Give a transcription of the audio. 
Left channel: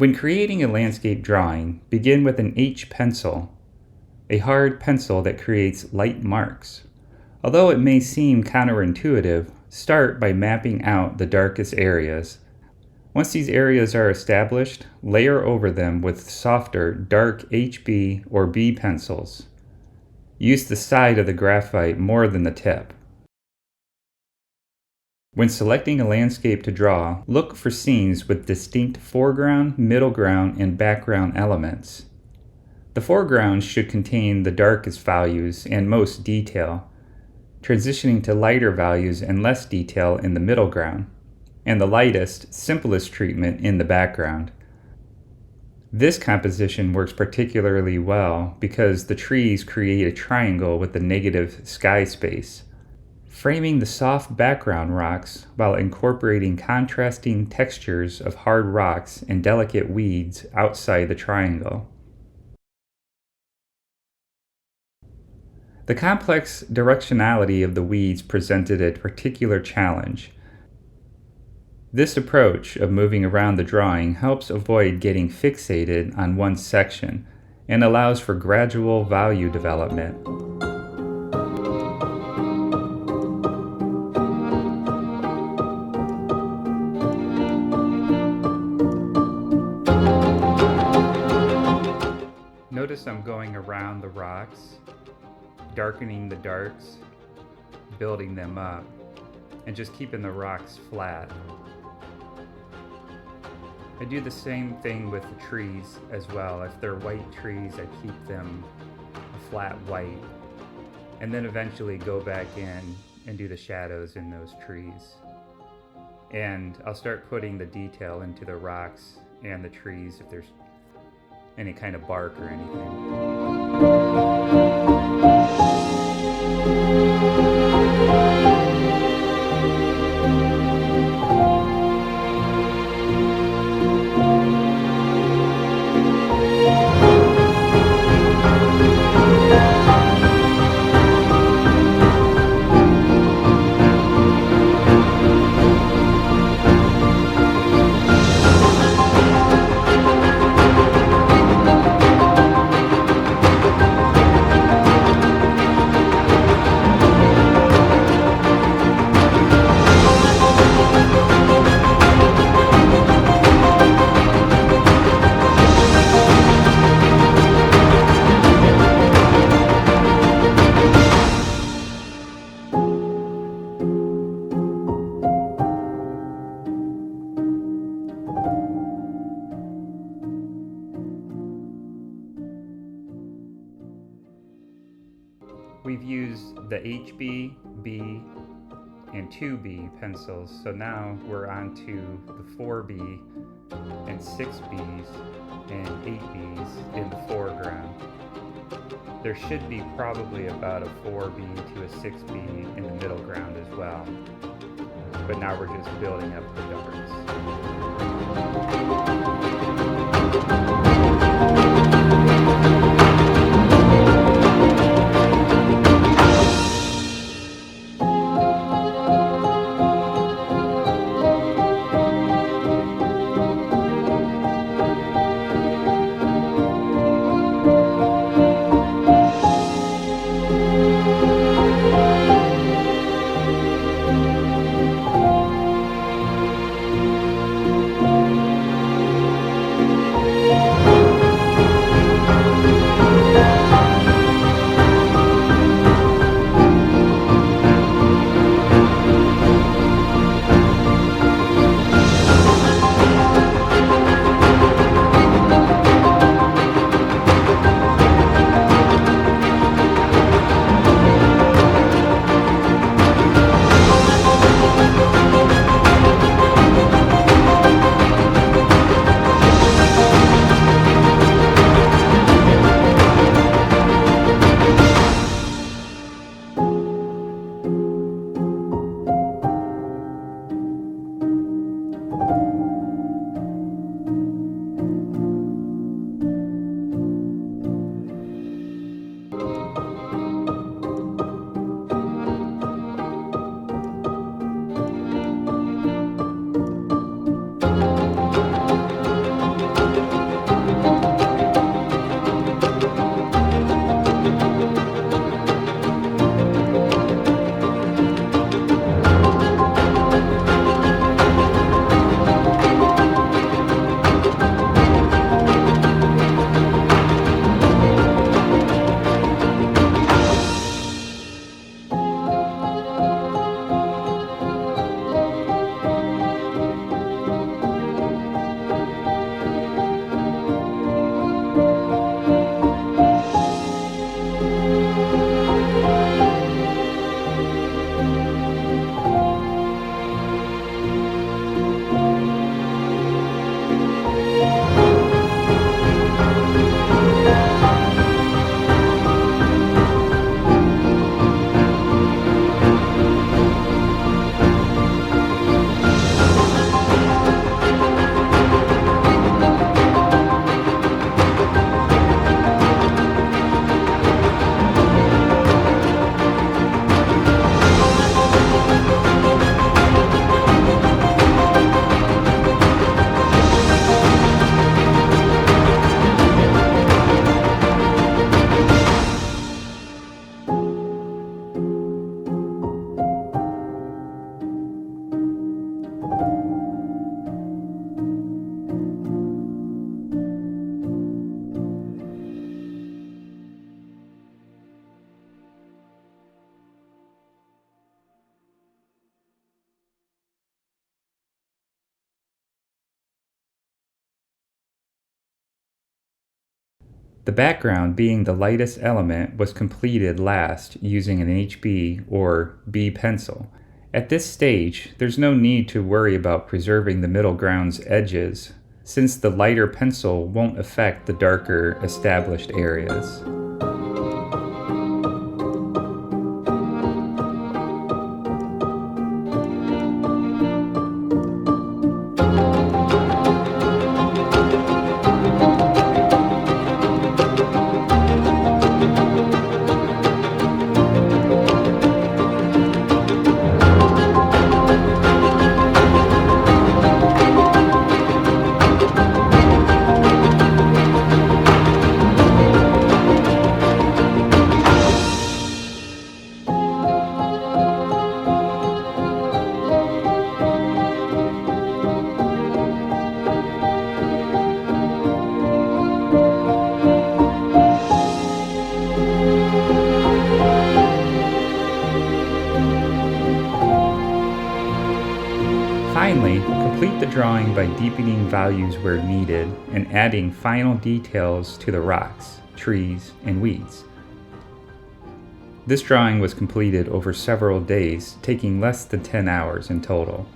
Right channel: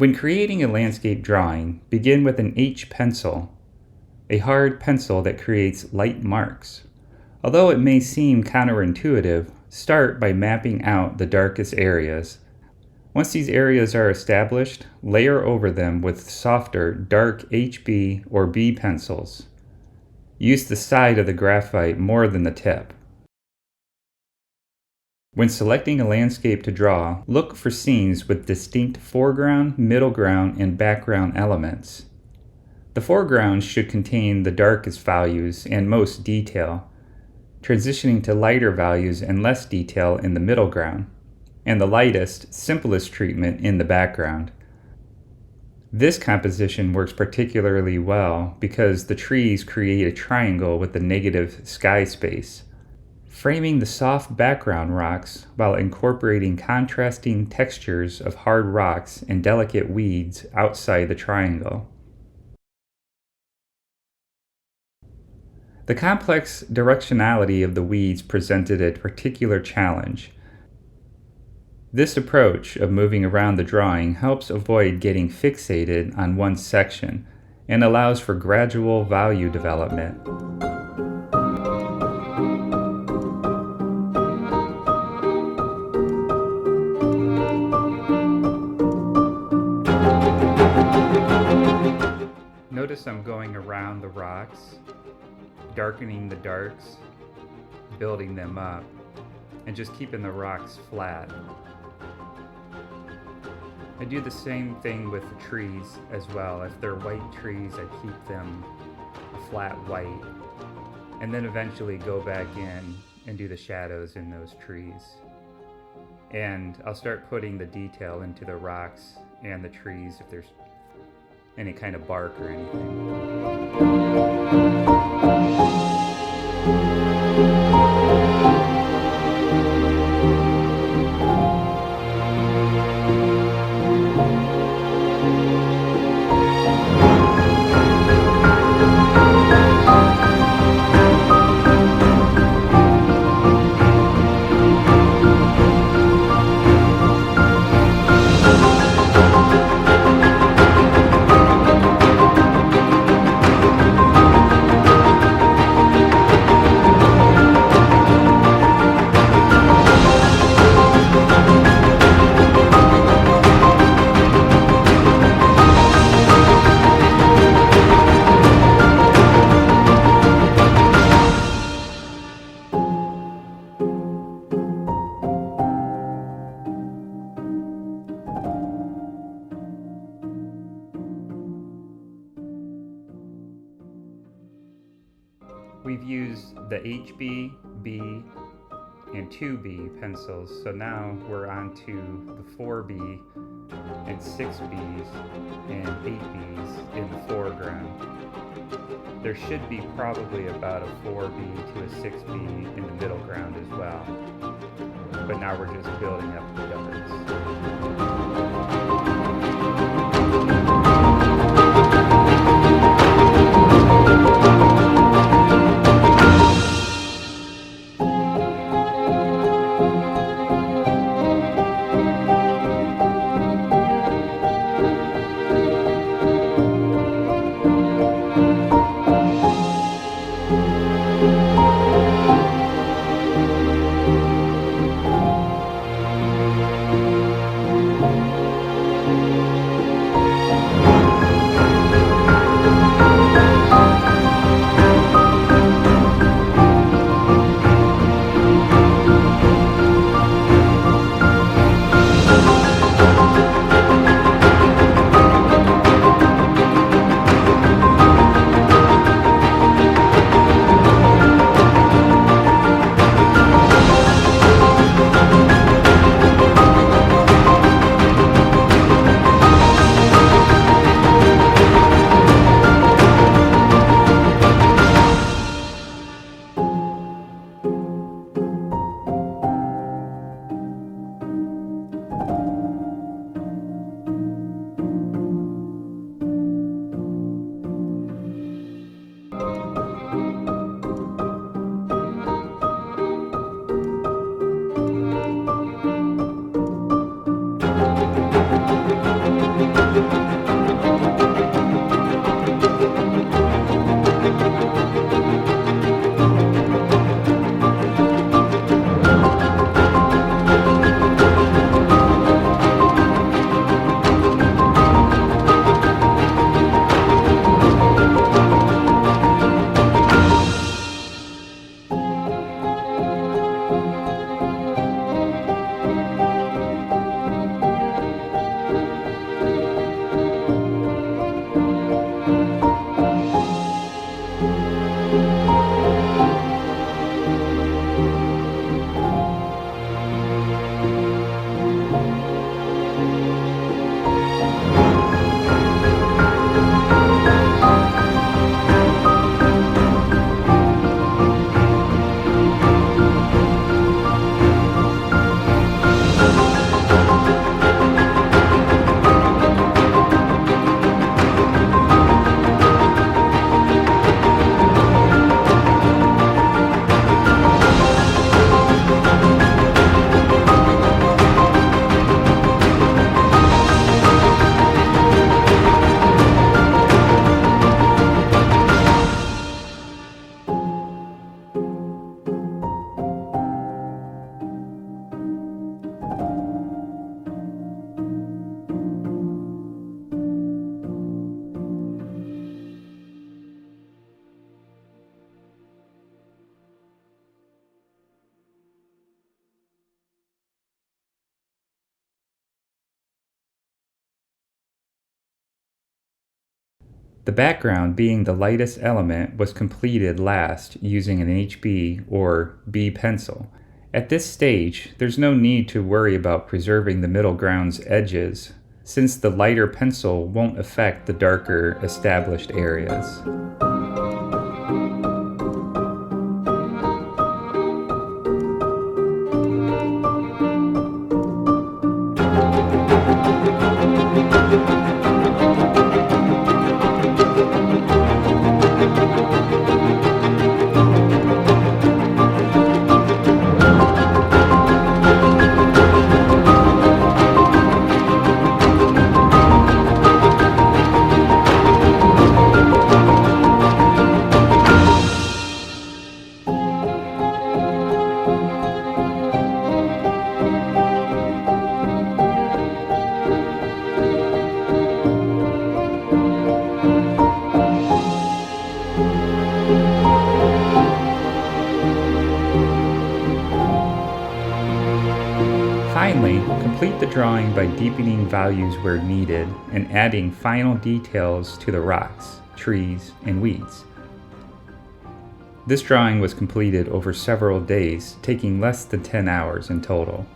When creating a landscape drawing, begin with an H pencil, a hard pencil that creates light marks. Although it may seem counterintuitive, start by mapping out the darkest areas. Once these areas are established, layer over them with softer, dark HB or B pencils. Use the side of the graphite more than the tip. When selecting a landscape to draw, look for scenes with distinct foreground, middle ground, and background elements. The foreground should contain the darkest values and most detail, transitioning to lighter values and less detail in the middle ground, and the lightest, simplest treatment in the background. This composition works particularly well because the trees create a triangle with the negative sky space, framing the soft background rocks while incorporating contrasting textures of hard rocks and delicate weeds outside the triangle. The complex directionality of the weeds presented a particular challenge. This approach of moving around the drawing helps avoid getting fixated on one section and allows for gradual value development. Notice I'm going around the rocks, darkening the darks, building them up, and just keeping the rocks flat. I do the same thing with the trees as well. If they're white trees, I keep them a flat white, and then eventually go back in and do the shadows in those trees. And I'll start putting the detail into the rocks and the trees if there's any kind of bark or anything. We've used the HB, B, and 2B pencils, so now we're on to the 4B and 6Bs and 8Bs in the foreground. There should be probably about a 4B to a 6B in the middle ground as well, but now we're just building up the darks. The background, being the lightest element, was completed last using an HB or B pencil. At this stage, there's no need to worry about preserving the middle ground's edges, since the lighter pencil won't affect the darker established areas. Finally, complete the drawing by deepening values where needed and adding final details to the rocks, trees, and weeds. This drawing was completed over several days, taking less than 10 hours in total.